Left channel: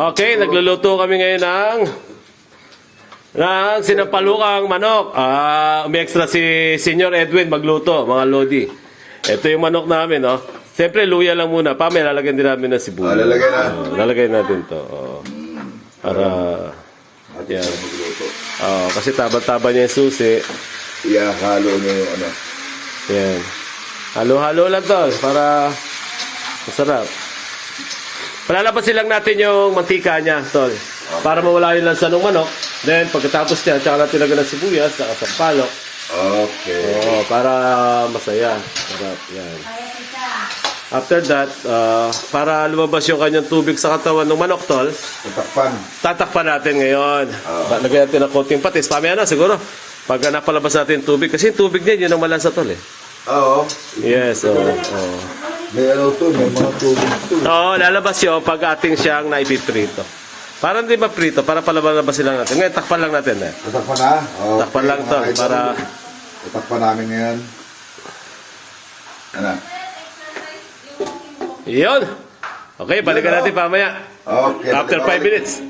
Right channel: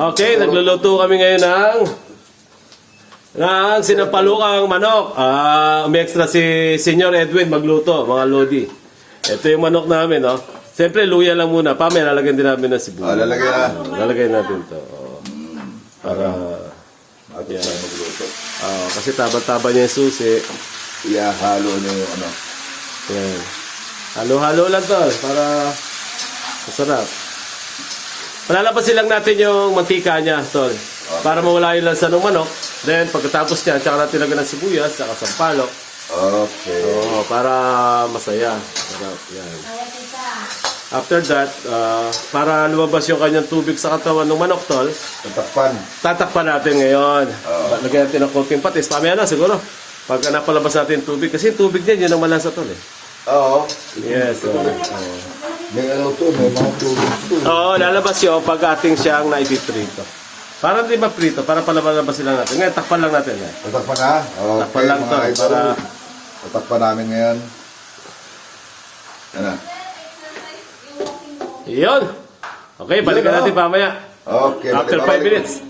Okay, nagluluto kami ngayon ng sinampalukang manok. Umextra si Senior Edwin magluto, mga lodi. Ito yung manok namin, no? Siyempre, luya lang muna. Pamaya, lalagyan din namin ng sibuyas. Lalagyan na. Lalagay natin to. Para, yan. Kasi taba-taba niya yung susi. Halo niyo yung ano. Yan. Halo-halo lang to, para masarap. Palalabasin lang natin yung mantika niya, tol. Para mawala yung lansa ng manok. Then, pagkatapos niya, tsaka natin lagyan ng sibuyas, tsaka sampalok. Okay. Oo, para masaya. Sarap, yan. After that, para lumabas yung kanyang tubig sa katawan ng manok, tol, Tatakpan. tatakpan natin ngayon. Lagyan natin ng konting patis. Pamaya na, siguro. Pagka napalabas natin yung tubig. Kasi yung tubig din, yun ang malansa, tol, eh. Oo. Yes, oo. May ano to, may mga tubig to. Oo, lalabas yun pag ating siyang naipiprito. Para hindi maprito, para palabas lang natin. Ngayon, takpan lang natin, eh. Tatakpan na? Okay. Takpan lang to, mga idol. para... Tatakpan namin ngayon. Yan na. Yun! Okay, balikan natin pamaya. Okay. After 5 minutes.